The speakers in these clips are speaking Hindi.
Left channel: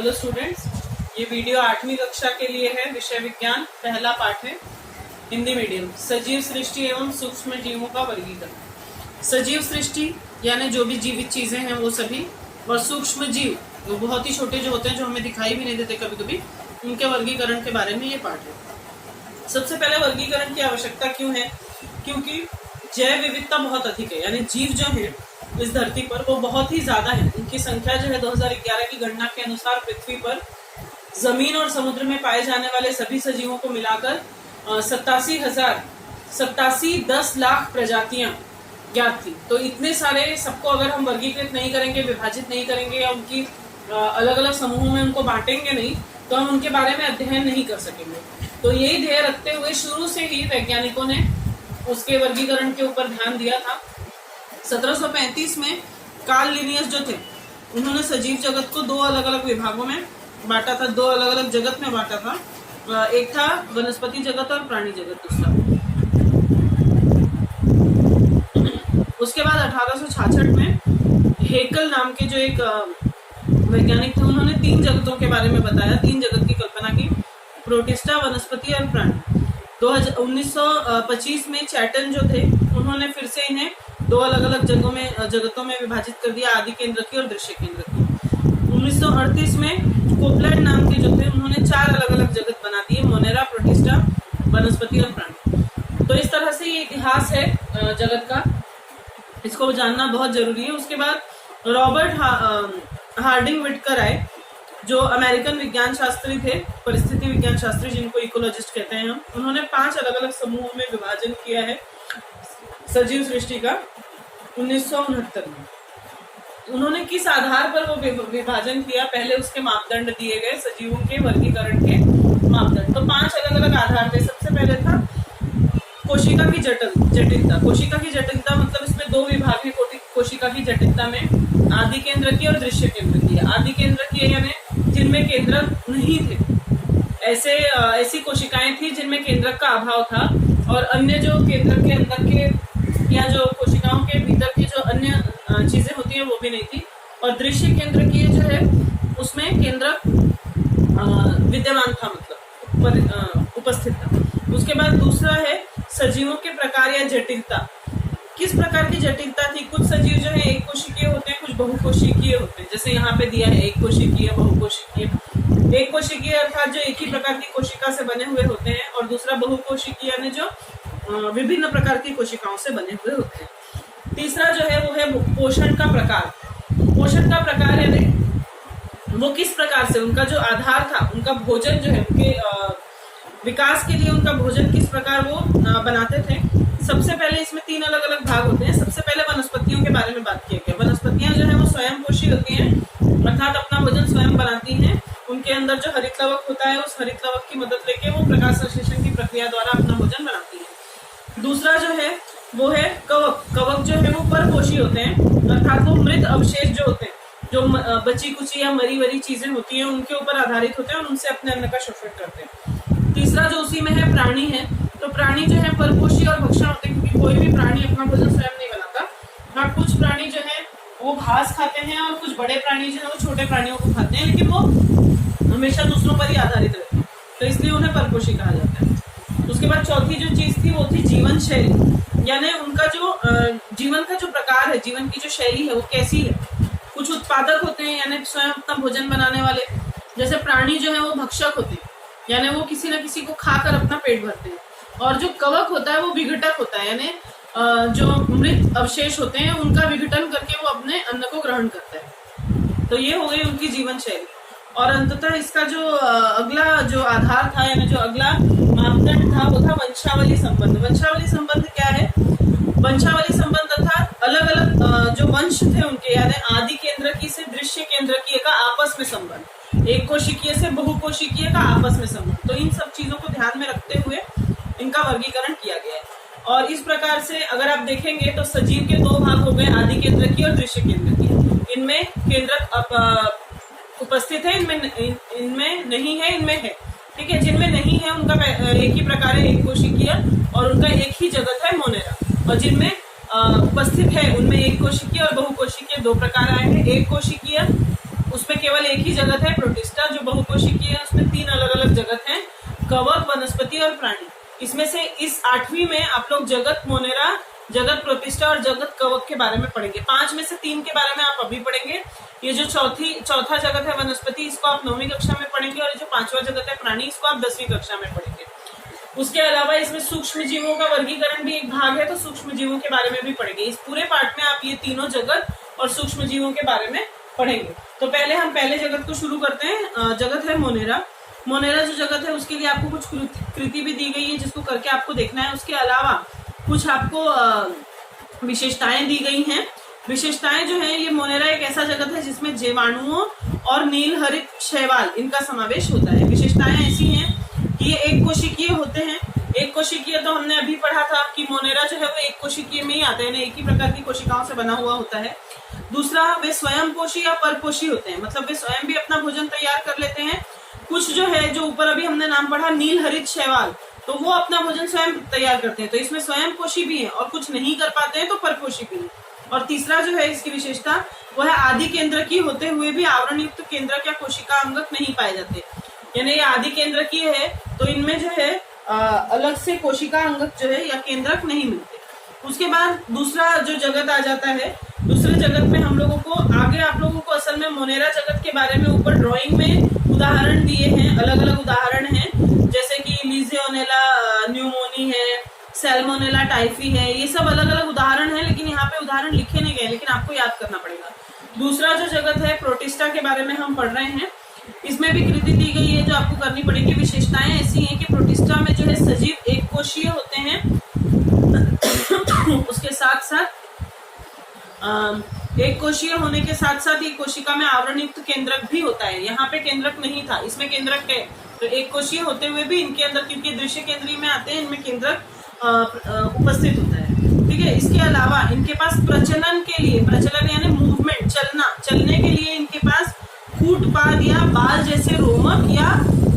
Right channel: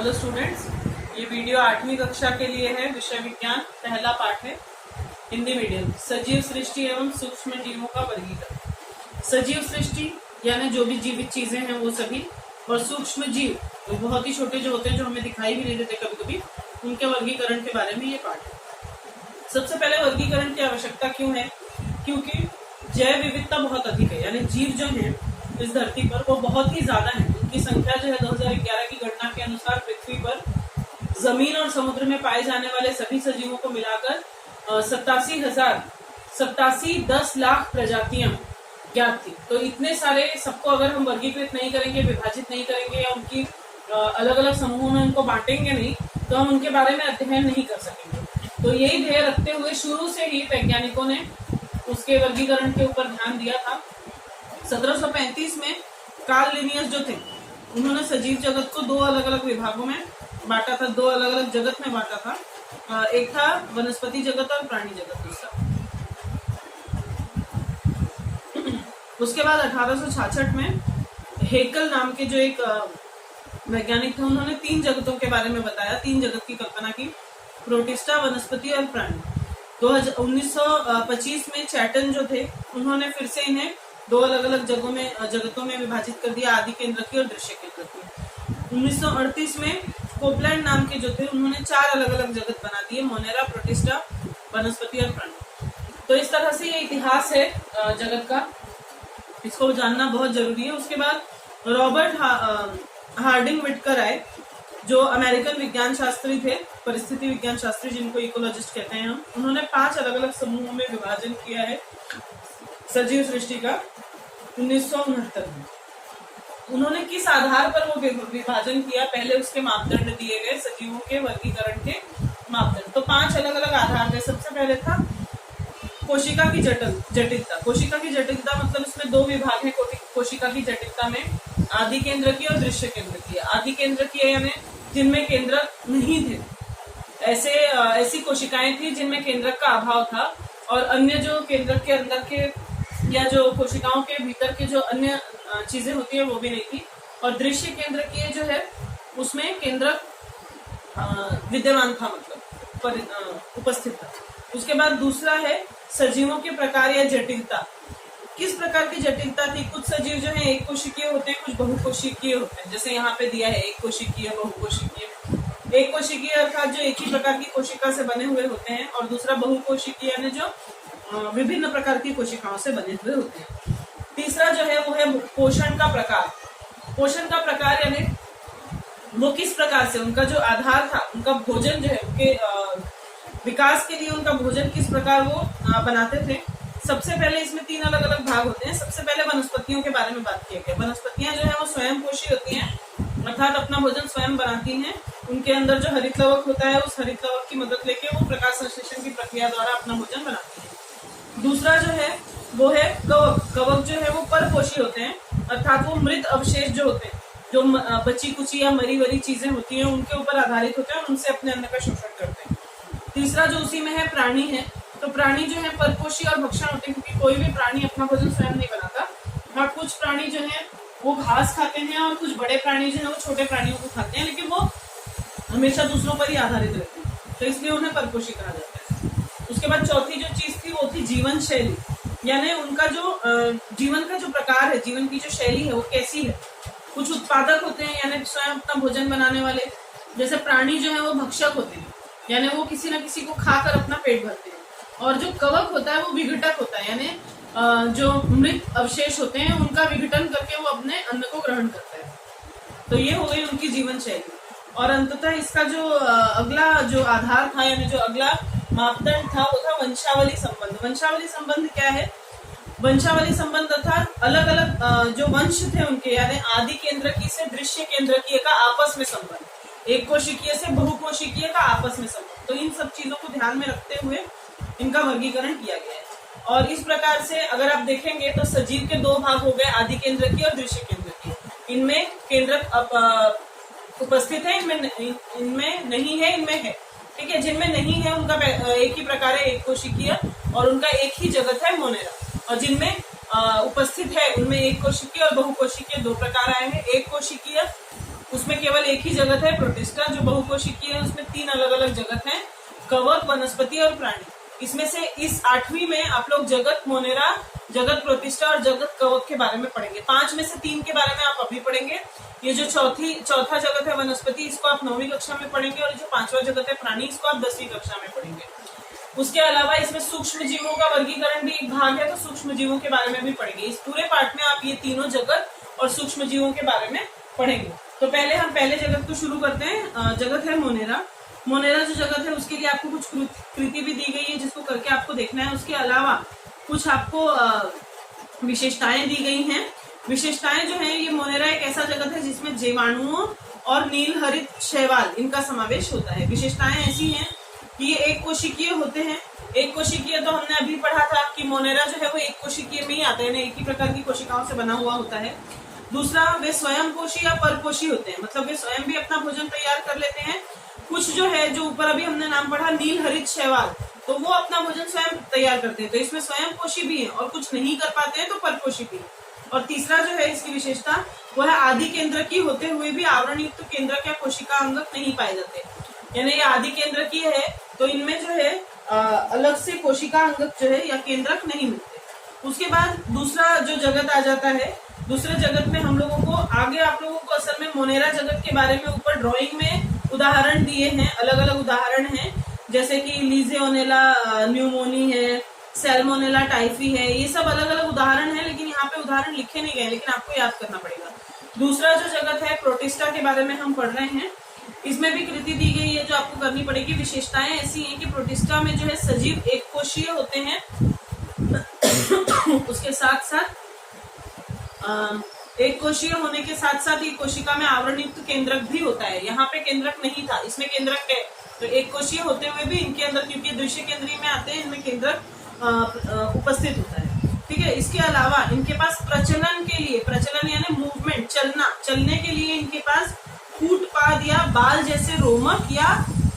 हेलो स्टूडेंट्स, ये वीडियो 8वीं कक्षा के लिए है। विषय विज्ञान, पहला पाठ है हिंदी मीडियम। सजीव सृष्टि एवं सूक्ष्म जीवों का वर्गीकरण। सजीव सृष्टि यानी जो भी जीवित चीजें हैं वो सभी, और सूक्ष्म जीव वो बहुत ही छोटे जो होते हैं, जो हमें दिखाई भी नहीं देते कभी कभी, उनके वर्गीकरण के बारे में ये पाठ है। सबसे पहले वर्गीकरण की आवश्यकता क्यों है? क्योंकि जैव विविधता बहुत अधिक है, यानी जीव जो है इस धरती पर वो बहुत ही ज्यादा है। उनकी संख्या जो है 2011 की गणना के अनुसार पृथ्वी पर जमीन और समुद्र में पाए जाने वाले सभी सजीवों को मिलाकर 10 लाख प्रजातियां ज्ञात थी। तो इतने सारे सबको अगर हम वर्गीकृत नहीं करेंगे, विभाजित नहीं करेंगे या उनकी अलग अलग समूहों में उनको बांटेंगे नहीं, तो हम उनके बारे में अध्ययन नहीं कर सकेंगे। तो यही ध्येय रखते हुए शुरू से ही वैज्ञानिकों ने उसके वर्गीकरण के ऊपर ध्यान दिया था। 1735 में कार्ल लिनियस जो थे, उन्होंने सजीव जगत को दो अलग अलग विभागों में बांटा था, दो अलग अलग जगत में बांटा था। एक था वनस्पति जगत और प्राणी जगत दूसरा। उसके बाद 1866 में हेकल नाम के जो एक वैज्ञानिक थे, उन्होंने 3 जगतों के बारे में बताया, 3 जगत की कल्पना की, प्रोटिस्टा, वनस्पति और प्राणी। 1925 में चैटन जो थे, उन्होंने फिर से इन्हें दो अलग अलग जगतों में विभाजित कर दिया, आदि केंद्र की और दृश्य केंद्र की। 1938 में कोपलैंड नाम के जो थे, उन्होंने 4 अलग अलग जगत बना दिए, मोनेरा, प्रोटिस्टा, वनस्पति और प्राणी। तो इस तरह से ये इतिहास है जगत का, इसको जानना बहुत जरूरी है। उसके बाद रॉबर्ट हार्डिंग विटकर आए, जो अमेरिकन विज्ञान शास्त्री थे, परिस्थिति विज्ञान शास्त्री, जिनको इकोलॉजिस्ट कहते हैं हम। उन्होंने 5 अलग अलग समूहों में विभाजन किया है सजीव सृष्टि का 1969 में। उन्होंने किस आधार पर वो विभाजन किया, पहले उसके मापदंड दिए गए, सजीवों के वर्गीकरण के मापदंड। तो 5 अलग अलग आधार थे। सबसे पहले था कोशिका की जटिलता। कोशिका की जटिलता मतलब इसमें 2 विभाग है कोशिका की जटिलता में, आदि केंद्र की और दृश्य केंद्र की। आदि केंद्र की यानी जिनमें केंद्रक नहीं थे, ऐसी कोशिकाएं थी जिनमें केंद्रक का अभाव था, और अन्य जो केंद्रक के अंदर के या जो कोशिकाओं के भीतर की जो अन्य चीजें होती है वो भी नहीं थी। और दृश्य केंद्र की जो है उसमें केंद्रक विद्यमान था, मतलब उपस्थित था। उसके बाद दूसरा है सजीवों के प्रकार या जटिलता। किस प्रकार की जटिलता थी? कुछ सजीव जो है एक कोशिकीय होते हैं, कुछ बहुकोशिकीय होते हैं। जैसे यहाँ पे दिया है एक कोशिकीय, बहुकोशिकीय। एक कोशिकीय अर्थात जो एक ही प्रकार की कोशिका से बने हुए होते हैं, और दूसरा बहुकोशिकीय यानी जो विभिन्न प्रकार की कोशिकाओं से बने हुए होते हैं। तीसरा जो है वो है पोषण का प्रकार। पोषण का प्रकार यानी वो किस प्रकार से, उनका जो आधार था, उनका भोजन जो है, उनके विकास के लिए उनका भोजन किस प्रकार वो बनाते थे। सबसे पहले इसमें 3 अलग अलग भाग होते हैं। सबसे पहले वनस्पतियों के बारे में बात किया गया। वनस्पतियां जो है वो स्वयं पोषी होती हैं, अर्थात अपना भोजन स्वयं बनाती हैं। उनके अंदर जो हरित लवक होता है, उस हरित लवक की मदद लेके वो प्रकाश संश्लेषण की प्रक्रिया द्वारा अपना भोजन बनाती है। दूसरा जो है वो है कवक। कवक जो है वो परपोषी होते हैं, अर्थात वो मृत अवशेष जो होते हैं, जो बची कुची या मरी वरी चीजें होती हैं, उनके ऊपर आधारित होते हैं और उनसे अपने अन्न का शोषण करते हैं। तीसरा जो उसी में है प्राणी है। तो प्राणी जो है परपोषी और भक्षण होते हैं, क्योंकि कोई भी प्राणी अपना भोजन स्वयं नहीं बनाता। हाँ, कुछ प्राणी जो है वो घास खाते हैं, और कुछ बड़े प्राणी जो है वो छोटे प्राणियों को खाते हैं, लेकिन वो हमेशा दूसरों पर ही आधारित रहते हैं, तो इसलिए उन्हें परपोषी कहा जाता है। उसके बाद चौथी जो चीज थी वो थी जीवन शैली, यानी उनका जो जीवन का जो प्रकार है, जीवन की जो शैली है वो कैसी है। कुछ उत्पादक होते हैं, यानी स्वयं अपना भोजन बनाने वाले। जैसे प्राणी जो है वो भक्षक होते हैं, यानी वो किसी न किसी को खाकर अपना पेट भरते हैं। और जो कवक होता है वो विघटक होता है, यानी जो मृत अवशेष होते हैं उनका विघटन करके वो अपने अन्न को ग्रहण करता है। तो ये हो गई उनकी जीवन शैली। और अंततः इसका जो अगला जो आधार था, यानी जो अगला मापदंड था, वो था वंशावली संबंध। वंशावली संबंध क्या है? वंशावली संबंध अर्थात अलग अलग जो वंश थे उनके, यानी आदि केंद्रकी से दृश्य केंद्रकीय का आपस में संबंध, एक कोशिकीय से बहुकोशिकीय का आपस में संबंध। तो इन सब चीजों को ध्यान में रखते हुए इनका वर्गीकरण किया गया है। और इस प्रकार से अगर आप देखेंगे तो सजीव के 2 भाग हो गए, आदि केंद्रकीय और दृश्य केंद्रकीय। इनमें केंद्रक उपस्थित है, इनमें नहीं है, इनमें है। ठीक है, जिनमें नहीं है उनका एक ही प्रकार है, एक कोशिकीय, और उनका एक ही जगत है, मोनेरा। और जिनमें उपस्थित है उनमें एक कोशिकीय और बहुकोशिकीय 2 प्रकार आए हैं। एक कोशिकीय उसमें केवल एक ही जगत है प्रोटिस्टा जो बहुकोशिकीय है, उसमें 3 अलग अलग जगत हैं, कवक, वनस्पति और प्राणी। इसमें से इस 8वीं में आप लोग जगत मोनेरा, जगत प्रोटिस्टा और जगत कवक के बारे में पढ़ेंगे। 5 में से 3 के बारे में आप अभी पढ़ेंगे। ये जो चौथा जगत है वनस्पति, इसको आप 9वीं कक्षा में पढ़ेंगे, और जो 5वां जगत है प्राणी, इसको आप 10वीं कक्षा में पढ़ेंगे। उसके अलावा इसमें सूक्ष्म जीवों का वर्गीकरण भी एक भाग है, तो सूक्ष्म जीवों के बारे में भी पढ़ेंगे। इस पूरे पार्ट में आप ये तीनों जगत और सूक्ष्म जीवों के बारे में पढ़ेंगे। तो पहले हम पहले जगत को शुरू करते हैं। जगत है मोनेरा। मोनेरा जो जगत है उसके लिए आपको कुछ कृति भी दी गई है जिसको करके आपको देखना है। उसके अलावा कुछ आपको विशेषताएं दी गई हैं। विशेषताएं जो है, ये मोनेरा एक ऐसा जगत है जिसमें जीवाणुओं और नील हरित शैवाल इनका समावेश होता है। विशेषताएं ऐसी हैं कि ये एक कोशिकीय होते हैं। एक कोशिकीय तो हमने अभी पढ़ा था कि मोनेरा जो है वो एक कोशिकीय में ही आता है, एक ही प्रकार की कोशिकाओं से बना हुआ होता है। दूसरा, वे स्वयं पोषी या परपोषी होते हैं, मतलब वे स्वयं भी अपना भोजन तैयार कर लेते हैं। कुछ जो है, जो ऊपर अभी हमने नाम पढ़ा नील हरित शैवाल, तो वो अपना भोजन स्वयं तैयार करते हैं, तो इसमें स्वयं पोषी भी है, और कुछ नहीं कर पाते हैं तो परपोषी भी है। और तीसरा जो है इसकी विशेषता, वो है आदि केंद्र की होते हुए भी आवरण युक्त केंद्रक या कोशिका अंगक नहीं पाए जाते। यानी ये आदि केंद्र की है तो इनमें जो है अलग से कोशिका अंगक जो है या केंद्रक नहीं मिलते। उसके बाद दूसरा जो जगत आ जाता है, दूसरे जगत में हम लोगों को आगे, आप लोगों को असल में मोनेरा जगत के बारे में ऊपर ड्राइंग में उदाहरण दिए हैं, अलग अलग उदाहरण हैं, जैसे कि लीजियोनेला न्यूमोनी है, सैल्मोनेला टाइफी है, ये सब अलग अलग उदाहरण है, लेकिन यहाँ पे उदाहरण लिखे नहीं गए, लेकिन आपको याद करना पड़ेगा। दूसरा जो जगत है प्रोटिस्टा के बारे में हम पढ़ रहे हैं। इसमें भी कृति दी गई है जो आपको करनी पड़ेगी। विशेषताएं ऐसी हैं कि प्रोटिस्टा में जो है सजीव एक कोशीय होते हैं, उसके साथ साथ एक कोशीय होने के साथ साथ ये कोशिका में आवरण युक्त केंद्रक भी होता है। यहाँ पे केंद्रक नहीं था, इसमें केंद्रक है, तो एक कोशीय होते हुए भी इनके अंदर, क्योंकि दृश्य केंद्रीय में आते हैं, इनमें केंद्रक उपस्थित होता है। ठीक है। इसके अलावा इनके पास प्रचलन के लिए, प्रचलन यानी मूवमेंट, चलने के लिए इनके पास कूटपाद या बाल जैसे रोमक या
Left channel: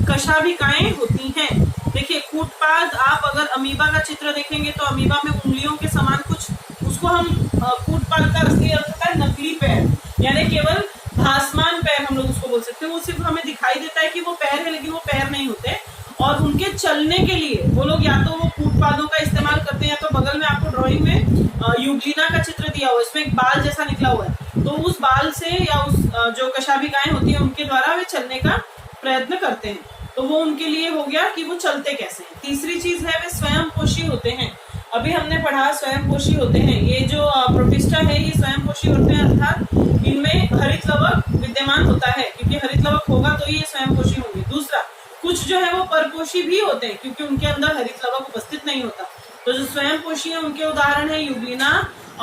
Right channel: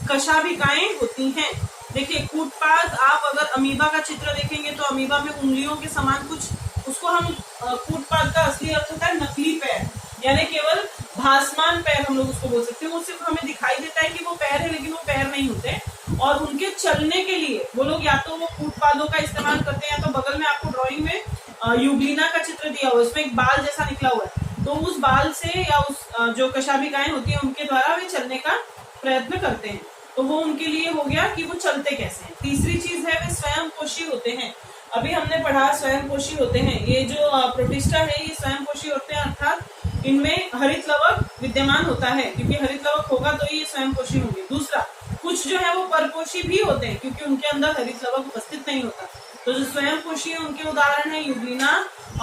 कशाभिकाएं होती हैं। देखिए, कूटपाद, आप अगर अमीबा का चित्र देखेंगे तो अमीबा में उंगलियों के समान कुछ, उसको हम कूटपाद का असली अर्थ होता है नकली पैर, यानी केवल भासमान पैर हम लोग उसको बोल सकते हैं। वो सिर्फ हमें दिखाई देता है कि वो पैर है, लेकिन वो पैर नहीं होते। और उनके चलने के लिए वो लोग या तो वो कूटपादों का इस्तेमाल करते हैं, या तो बगल में आपको ड्राइंग में यूग्लिना का चित्र दिया हुआ है, इसमें एक बाल जैसा निकला हुआ है, तो उस बाल से या उस जो कशाभिकाएं होती है उनके द्वारा वे चलने का प्रयत्न करते हैं। तो वो उनके लिए हो गया कि वो चलते कैसे हैं। तीसरी चीज है वे स्वयं पोषी होते हैं। अभी हमने पढ़ा स्वयं पोषी होते हैं। ये जो प्रोटिस्टा है ये स्वयं पोषी होते हैं, अर्थात इनमें हरित लवक विद्यमान होता है, क्योंकि हरित लवक होगा तो ये स्वयं पोषी होंगे। दूसरा, कुछ जो है वो परपोषी भी होते हैं, क्योंकि उनके अंदर हरित लवक उपस्थित नहीं होता। तो जो स्वयं पोषी है उनके उदाहरण है यूग्लिना,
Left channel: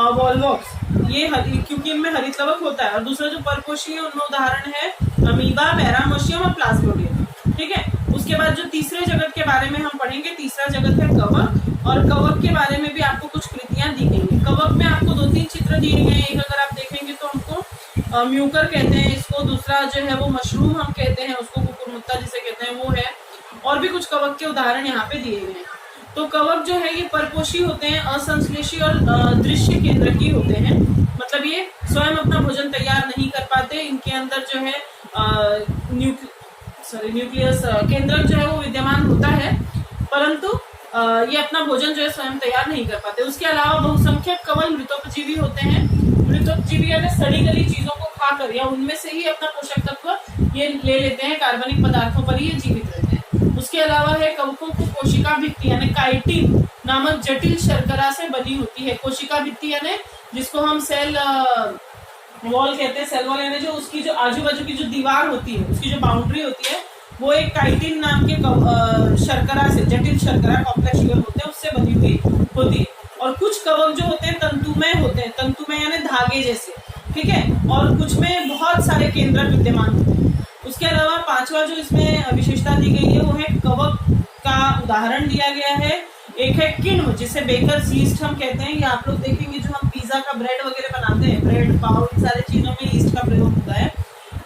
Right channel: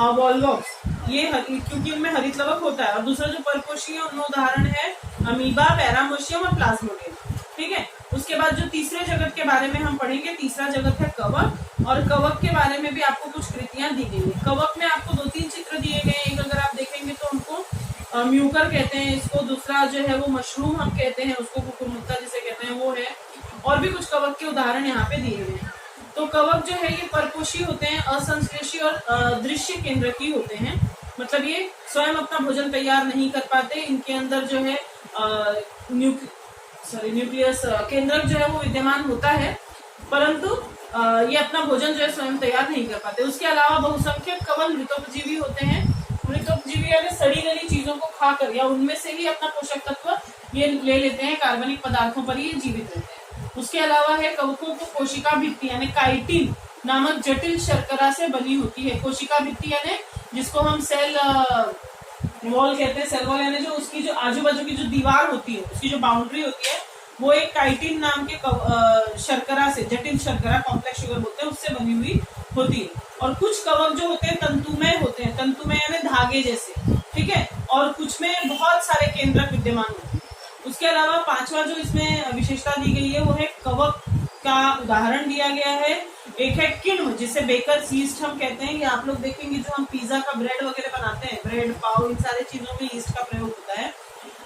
वॉलवॉक्स, ये क्योंकि इनमें हरित लवक होता है। और दूसरा जो परपोषी है उनमें उदाहरण है अमीबा, पैरामोशियम और प्लाज्मोडियम। ठीक है। उसके बाद जो तीसरे जगत के बारे में हम पढ़ेंगे, तीसरा जगत है कवक, और कवक के बारे में भी आपको कुछ कृतियां दी गई हैं। कवक में आपको 2-3 चित्र दिए गए हैं। एक अगर आप देखेंगे तो हमको म्यूकर कहते हैं इसको, दूसरा जो है वो मशरूम हम कहते हैं उसको, कुकुरमुत्ता जिसे कहते हैं वो है, और भी कुछ कवक के उदाहरण यहाँ पे दिए गए हैं। तो कवक जो है ये परपोषी होते हैं, असंश्लेषी और दृश्य केंद्रकी होते हैं, मतलब ये स्वयं अपना भोजन तैयार नहीं कर पाते। इनके अंदर जो है न्यूक्लियस केंद्रक जो है वो विद्यमान होता है, परंतु ये अपना भोजन जो है स्वयं तैयार नहीं कर पाते। उसके अलावा बहुसंख्यक कवल मृतोपजीवी होते हैं। मृतोपजीवी यानी सड़ी गली चीजों को खाकर या उनमें से ही अपना पोषक तत्व ये ले लेते हैं, कार्बनिक पदार्थों पर ये जीवित रहते हैं। उसके अलावा है कवकों को कोशिका भित्ति यानी काइटिन नामक जटिल शर्करा से बनी होती है। कोशिका भित्ति यानी जिसको हम सेल वॉल कहते हैं, सेल वॉल यानी जो उसकी जो आजू बाजू की जो दीवार होती है, उसकी जो बाउंड्री होती है, वो एक काइटिन नाम के शर्करा से, जटिल शर्करा कॉम्प्लेक्स शुगर होते हैं, उससे बनी हुई होती है। और कुछ कवक जो होते हैं तंतुमय होते हैं, तंतुमय यानी धागे जैसे, ठीक है। और कुछ में बहुत सारे केंद्रक विद्यमान होते हैं। उसके अलावा पांचवा जो इसमें विशेषता दी गई है वो है कवक का उदाहरण दिया गया है। एक है किण्व, जिसे बेकर्स यीस्ट हम कहते हैं। ये आप लोग देखेंगे जो हम पिज्जा का ब्रेड वगैरह बनाते हैं, ब्रेड पाव, इन सारे चीजों में यीस्ट का प्रयोग होता है,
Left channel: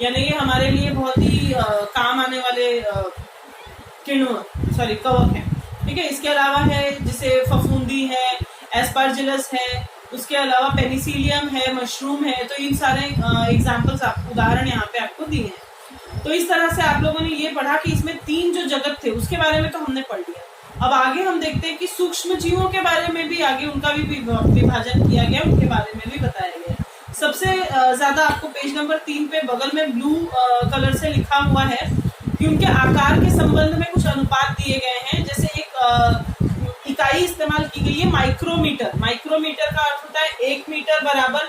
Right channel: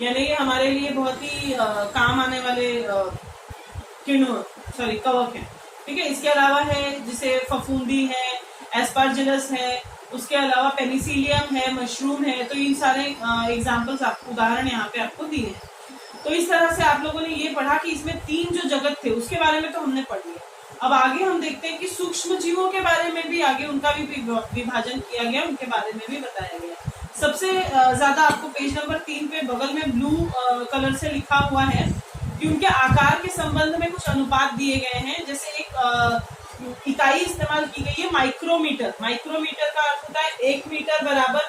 यानी ये हमारे लिए बहुत ही काम आने वाले कवक है। ठीक है। इसके अलावा है जिसे फफूंदी है, एस्पार्जिलस है, उसके अलावा पेनिसिलियम है, मशरूम है, तो इन सारे एग्जाम्पल्स उदाहरण यहाँ पे आपको दिए हैं। तो इस तरह से आप लोगों ने ये पढ़ा कि इसमें 3 जो जगत थे उसके बारे में तो हमने पढ़ लिया। अब आगे हम देखते हैं कि सूक्ष्म जीवों के बारे में भी आगे उनका भी विभाजन किया गया, उनके बारे में भी बताया गया। सबसे ज्यादा आपको पेज नंबर 3 पे बगल में ब्लू कलर से लिखा हुआ है कि उनके आकार के संबंध में कुछ अनुपात दिए गए हैं। जैसे एक इकाई इस्तेमाल की गई है माइक्रोमीटर। माइक्रोमीटर का अर्थ होता है 1 मीटर बराबर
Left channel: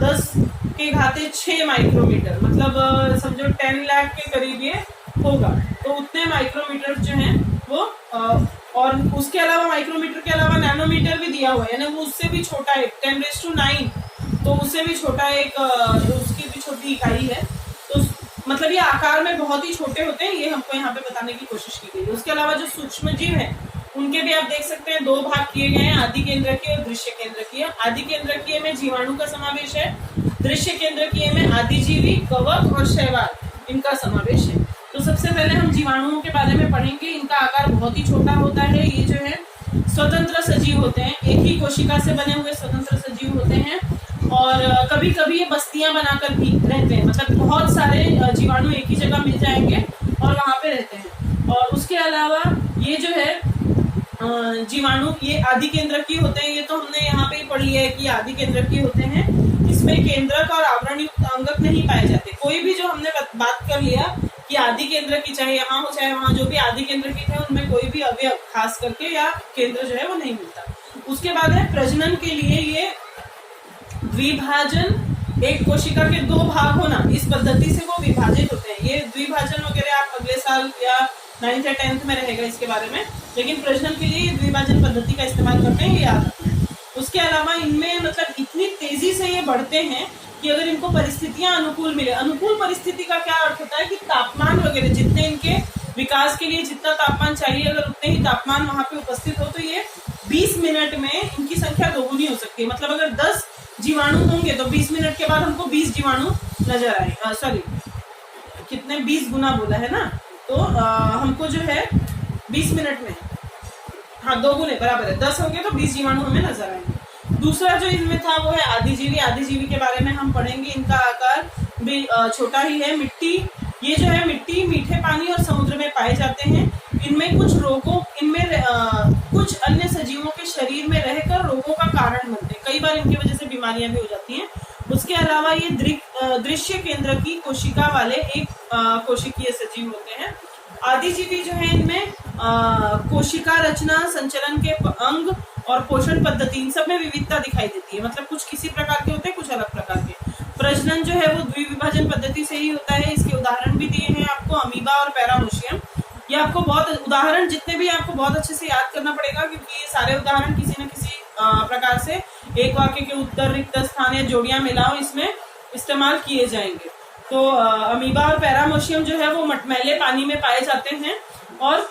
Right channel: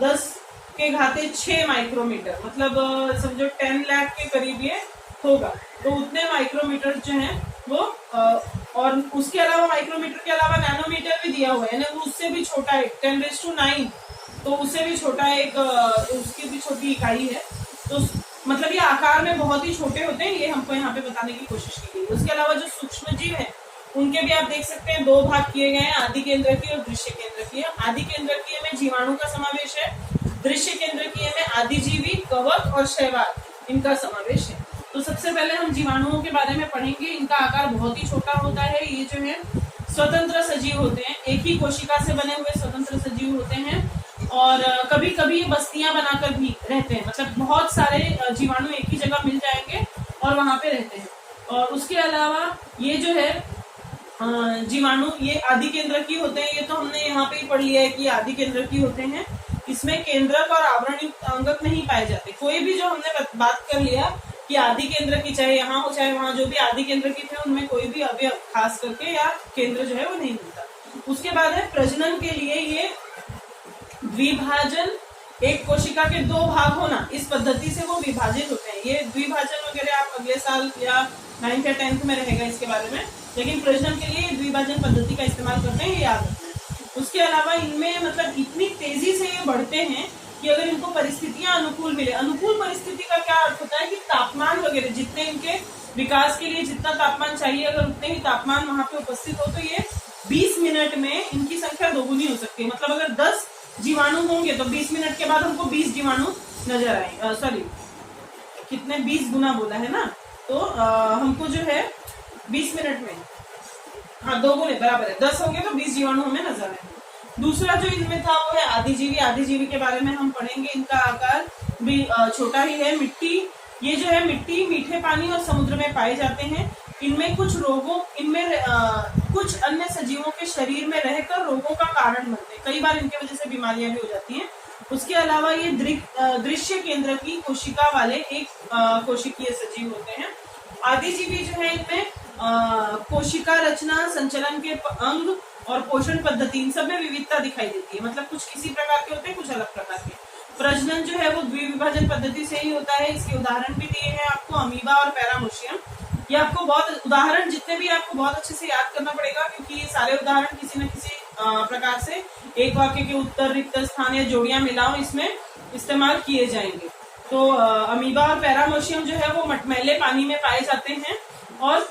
10⁻6 माइक्रोमीटर, मतलब समझो 10 लाख के करीब ये होगा। तो उतने माइक्रोमीटर जो हैं वो और उसके अलावा माइक्रोमीटर के अलावा नैनोमीटर भी दिया हुआ है ना, वो उससे भी छोटा है 10⁻9, तो उससे भी छोटा एक उसकी भी छोटी इकाई है। तो मतलब ये आकार में बहुत ही छोटे होते हैं, ये हमको यहाँ पे बताने की कोशिश की गई है। उसके अलावा जो सूक्ष्म जीव है उनके भी आप देख सकते हैं 2 भाग किए गए हैं, आदि केंद्रकीय और दृश्य केंद्रकीय। आदि केंद्रकीय में जीवाणु का समावेश है, दृश्य केंद्रकीय में आदिजीवी, कवक और शैवाल इनका समावेश है। तो सबसे पहले हम जीवाणुओं के बारे में पढ़ेंगे। इनका आकार बहुत ही छोटा होता है। ये जो है स्वतंत्र सजीव होते हैं, एक ही कोशिका से बने हुए स्वतंत्र सजीव होते हैं और कभी कभी ये बस्तियां बनाकर भी रहते हैं, मतलब बहुत सारे जीवाणु एक ही जगह मिल जाएंगे और वहां पे रहते हैं। और उसके अलावा ये जो है जीवाणु ये आदि केंद्रकीय होते हैं। ये तो हमने यहाँ पे ही पढ़ लिया है कि आदि केंद्रकीय होते हैं। इसमें केंद्रक और आवरण युक्त अंगक नहीं पाए जाते। कोई भी जो हमने बात कर लिया कि आदि केंद्र की चाहे यहाँ हो चाहे वहां, जो भी आदि केंद्र की थे उनमें कोई भी अवयव खास करके या केंद्र जो है वो नहीं मिलता। उसके बाद है प्रजनन के लिए ये द्विभाजन, एक कोशिका के 2 भाग होना, इस पद्धति से वो विभाजित होते हैं। ये द्विभाजन वगैरह आप अगले साल या 9th या 10th में रहेगा इसके बारे में, लेकिन प्रजनन के लिए द्विभाजन पद्धति का इस्तेमाल करते हैं, ये याद रखना है। उसके अलावा इनमें मतलब इतनी तेजी से ये बढ़ते हैं कि अगर इनको परिस्थितियां अनुकूल मिले, अनुकूल परिस्थिति का क्या अर्थ होता है कि तापमान वगैरह जितने इनके विकास के लिए जितना तापमान चाहिए, अगर उतने ही तापमान वहां पे उपस्थित हो तो ये 20 मिनट में इनकी संख्या दोगुनी हो सकती है। मतलब अगर 10 जीवाणु होंगे तो 20 मिनट के बाद हमको 20 जीवाणु नजर आए, सॉरी कितने 20 गुना बोला है ना, तो हमको जो है 20 मिनट में, हाँ 2 गुने बराबर है, 10 हो गए तो 20 जीवाणु हमें नजर आएंगे। दूसरा जो इनमें था वो है आदिजीवी। आदिजीवी के बारे में हम पढ़ेंगे। इनका आकार भी छोटा ही है। मिट्टी, ये जो है मिट्टी, मीठे पानी और समुद्र में पाए जाते हैं। इनमें कुछ रोगों, इनमें कुछ अन्य सजीवों के शरीर में रहकर रोगों का कारण बनते हैं। कई बार इनकी वजह से बीमारियां भी हो जाती हैं। उसके अलावा ये दृश्य केंद्र की कोशिका वाले एक कोशिकीय सजीव होते हैं। आदिजीवी जो है इनमें कोशिका रचना, संचलन के अंग और पोषण पद्धति, इन सब में विविधता दिखाई देती है। मतलब कुछ किसी प्रकार के होते हैं, कुछ अलग प्रकार के। प्रजनन जो है वो द्विविभाजन पद्धति से ही होता है। इसके उदाहरण भी दिए हैं आपको, अमीबा और पैरामोशियम। ये आपको बहुत उदाहरण जितने भी आपको बहुत अच्छे से याद करना पड़ेगा, क्योंकि ये सारे उदाहरण किसी न किसी प्रकार से एक वाक्य के उत्तर, रिक्त स्थान या जोड़ियां मिलाओ इसमें इस्तेमाल किए जाएंगे। तो अमीबा और पैरामोशियम जो है वो मटमैले पानी में पाए जाते हैं और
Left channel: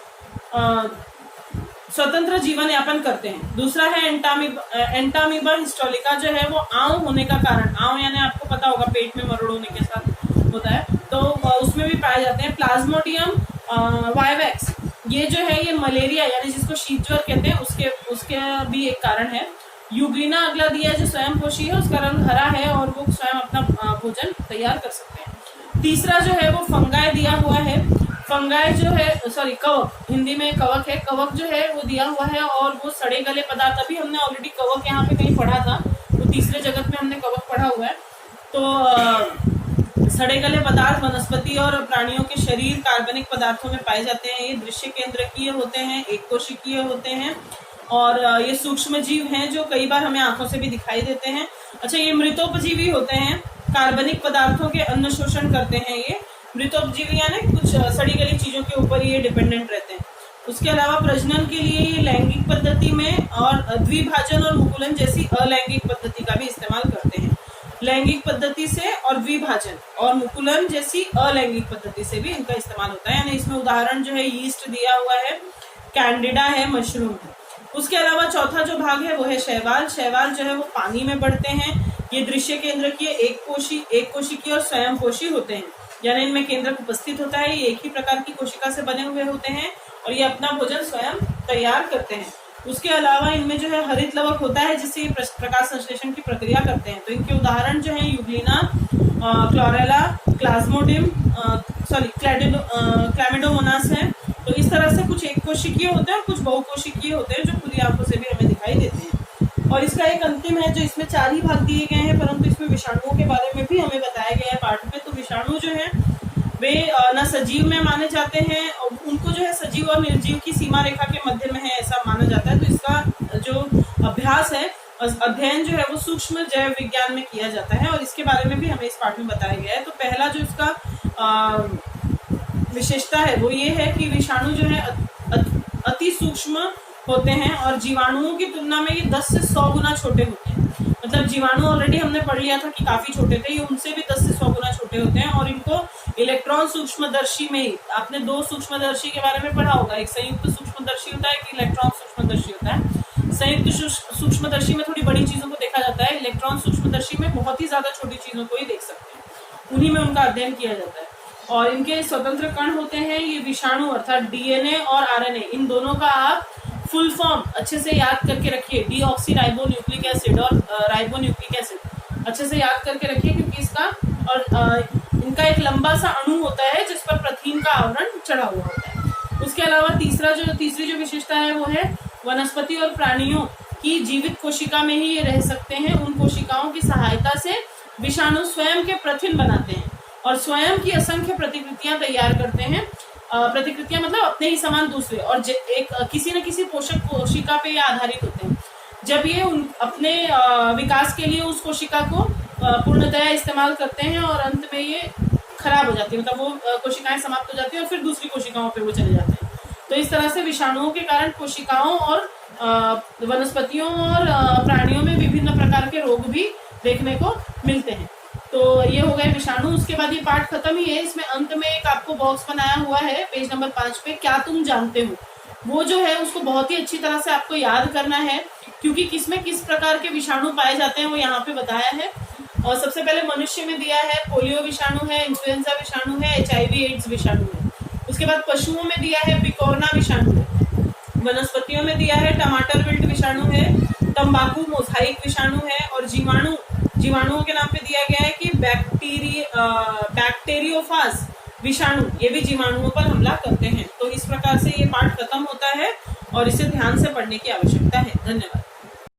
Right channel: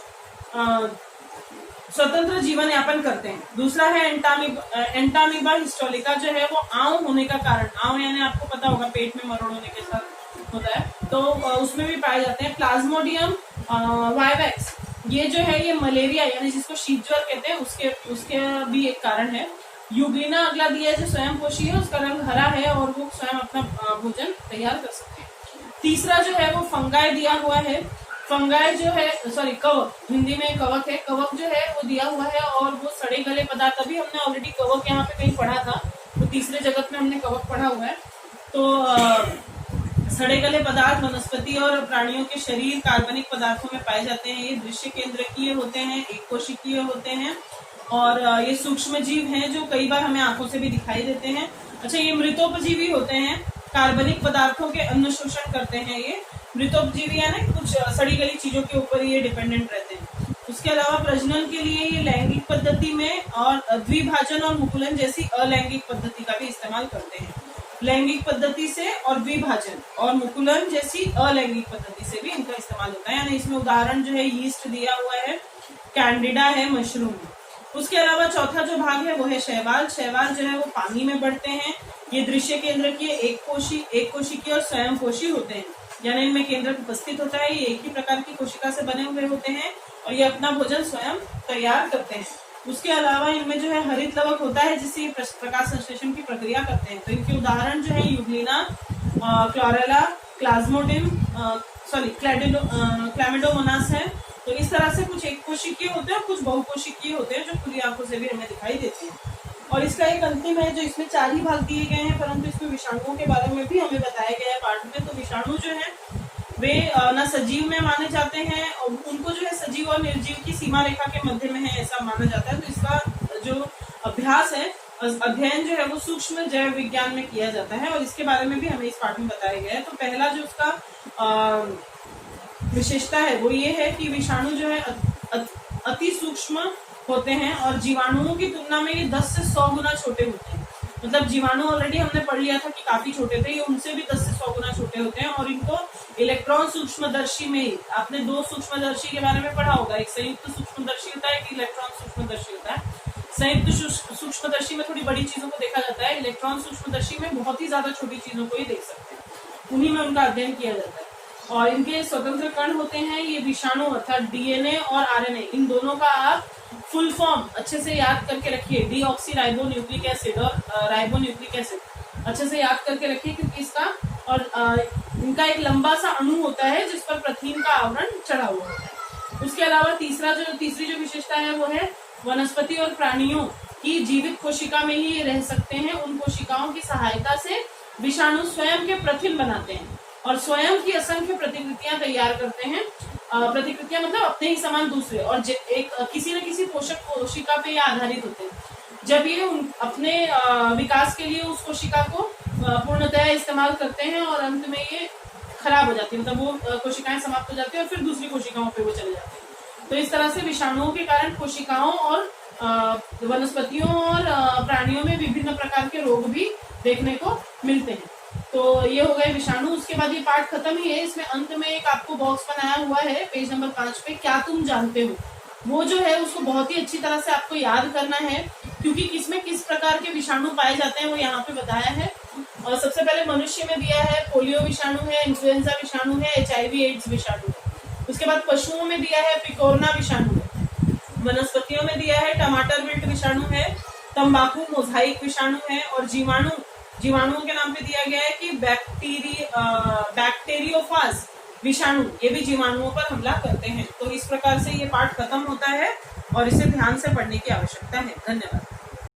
स्वतंत्र जीवन यापन करते हैं। दूसरा है एंटामीबा हिस्टोलिका, जो है वो आंव होने का कारण, आंव यानी आपको पता होगा पेट में मरोड़ होने के साथ होता है, तो उसमें भी पाए जाते हैं। प्लाज्मोडियम वाइवेक्स, ये जो है ये मलेरिया यानी जिसको शीत ज्वर कहते हैं उसके भी एक कारण है। यूग्रीना अगला दिया है जो स्वयं पोषी है, उसका रंग हरा है और वो स्वयं अपना भोजन तैयार कर सकते हैं। तीसरा जो है वो फंगाई दिया हुआ है। फंगाई जो है, सॉरी कवक, हिंदी में कवक है। कवक जो है वो दिया हुआ है और वो सड़े गले पदार्थ, अभी हमने ऑलरेडी कवक यहाँ पे कहीं पढ़ा था, तो तीसरे जगत में हमने कवक पढ़ा हुआ है। तो सड़े गले पदार्थ वनस्पति और प्राणियों के शरीर कार्बनिक पदार्थों में पाए जाते हैं। ये दृश्य केंद्रकीय होते हैं, एक कोशिकीय होते हैं और ये सूक्ष्म जीव हैं जो कई बार हमें आंखों से भी दिखाई देते हैं। अच्छा, ये मृतोपजीवी होते हैं, कार्बनिक पदार्थों के अन्न शोषण करते हैं। ये मृतोपजीवी यानी कुछ सड़ी गली चीजों के ऊपर ये डिपेंडेंट रहते हैं। उसके अलावा प्रजनन के लिए ये लैंगिक पद्धति में और द्विभाजन और मुकुलन जैसी अलैंगिक पद्धति का भी इस्तेमाल करते हैं। लैंगिक पद्धति से और द्विभाजन और मुकुलन जैसी अलैंगिक पद्धति से भी इनका इस्तेमाल होता है। यानी इसमें उदाहरण जो है यीस्ट दिया हुआ है, कैंडिडा है, मशरूम है। उसके अलावा चौथा जो भाग है वो है शैवाल। शैवाल जो है वो पानी में बढ़ते हैं। ये दृश्य केंद्र की एक कोशिकीय और स्वयं पोषी होते हैं, यानी इनमें केंद्रक उपस्थित होता है। ये एक ही प्रकार की कोशिका से बने हुए होते हैं और ये अपना भोजन स्वयं तैयार करते हैं। उसके अलावा इनमें जो है हरित लवक होता है जिससे ये प्रकाश संश्लेषण की प्रक्रिया करते हैं। तो इनके उदाहरण जो है यूग्लिना, क्लोरेला, क्लाज्मोडियम, क्लैमिडोमोनास है। तो इस तरह से कुछ एक कोशिकीय होते हैं, कुछ बहुकोशिकीय होते हैं जो खुली आंखों से भी हमें दिखाई देते हैं। और इसका एक अंतिम है जो इसमें 4 ही भाग दिए गए हैं, परंतु इसमें विषाणुओं के बारे में भी हमें बताया गया है पाठ में। तो विषाणु जो है वे न सजीव में माने जाते हैं और उनको जो है सजीव और निर्जीव की सीमा रेखा के मध्य में है ऐसा माना जाता है। तो इसका जो अभ्यास है, अध्ययन जो है वो सूक्ष्म जैव विज्ञान में किया जाता है और इसके बारे में भी हमें इस पाठ में बताया गया है। तो पहला जो इसका विशेषता है वो ये है कि विषाणु जो है अति सूक्ष्म होते हैं और जीवाणुओं की तुलना में ये 10 से 100 गुना छोटे होते हैं। मतलब जीवाणु ऑलरेडी हमने पढ़ लिया था कि काफी छोटे थे, ये उनसे भी 10 से 100 गुना छोटे होते हैं। और इनको इलेक्ट्रॉन सूक्ष्मदर्शी में ही, आपने 2 सूक्ष्मदर्शी के बारे में पढ़ा होगा, एक संयुक्त सूक्ष्मदर्शी होता है, एक इलेक्ट्रॉन सूक्ष्मदर्शी होता है। संयुक्त सूक्ष्मदर्शी में थोड़ी बड़ी चीजों को देखा जाता है, इलेक्ट्रॉन सूक्ष्मदर्शी में बहुत ही ज्यादा छोटी चीजों को ही देख सकते हैं, उन्हीं में उनका अध्ययन किया जाता है। और इनके स्वतंत्र कण होते हैं ये विषाणु, अर्थात डीएनए और आरएनए, इन दोनों का आप फुल फॉर्म अच्छे से याद करके रखिए, डीऑक्सीराइबोन्यूक्लिक एसिड और राइबोन्यूक्लिक एसिड अच्छे से याद करके रखिए, क्योंकि इसका और इनका एक लंबा सा अणु होता है जिस पर प्रथिन का आवरण चढ़ा हुआ होता है। उसके अलावा तीसरी जो विशेषता है वो है वनस्पति और प्राणियों की जीवित कोशिका में ही ये रह सकते हैं। उन कोशिकाओं की सहायता से विषाणु स्वयं के प्रथिन बनाते हैं और स्वयं की असंख्य प्रतिकृतियां तैयार करते हैं। प्रतिकृतियां मतलब अपने ही समान दूसरे, और एक किसी न किसी पोषक कोशिका पे ये आधारित होते हैं। जब ये अपने विकास के लिए उस कोशिका को पूर्णतया इस्तेमाल करते हैं और अंत में ये खराब हो जाती है, मतलब वो कोशिकाएं समाप्त हो जाती है और फिर दूसरी कोशिकाओं पे वो चले जाते हैं। तो इस तरह से विषाणुओं के कारण कोशिकाओं और वनस्पतियों और प्राणियों में विभिन्न प्रकार के रोग भी देखने को मिलते हैं। तो ये हो गए विषाणु। उसके बाद ये पाठ खत्म ही है, इसमें अंत में एक आपको बॉक्स बनाया हुआ है पेज नंबर 5 पे, क्या तुम जानते हो, वो जो है उसको बहुत ही अच्छी तरह से आपको याद करना है, क्योंकि किसमें किस प्रकार के विषाणु पाए जाते हैं वो यहाँ पे बताया है। और सबसे पहले मनुष्य में दिया है पोलियो विषाणु है, इन्फ्लुएंजा विषाणु है, HIV एड्स विषाणु है। उसके बाद पशुओं में दिया है पिकोरना विषाणु है, वनस्पतियों में दिया है टमाटर विल्ट विषाणु है, तंबाकू मोजाइक विषाणु है, और जीवाणुओं के नाम पे दिया गया है कि बैक्टीरियोफाज विषाणु, ये भी जीवाणुओं पर हमला करते हैं। तो इस प्रकार से ये पाठ खत्म होता है और इसे ध्यान से पढ़ने की आवश्यकता है। धन्यवाद।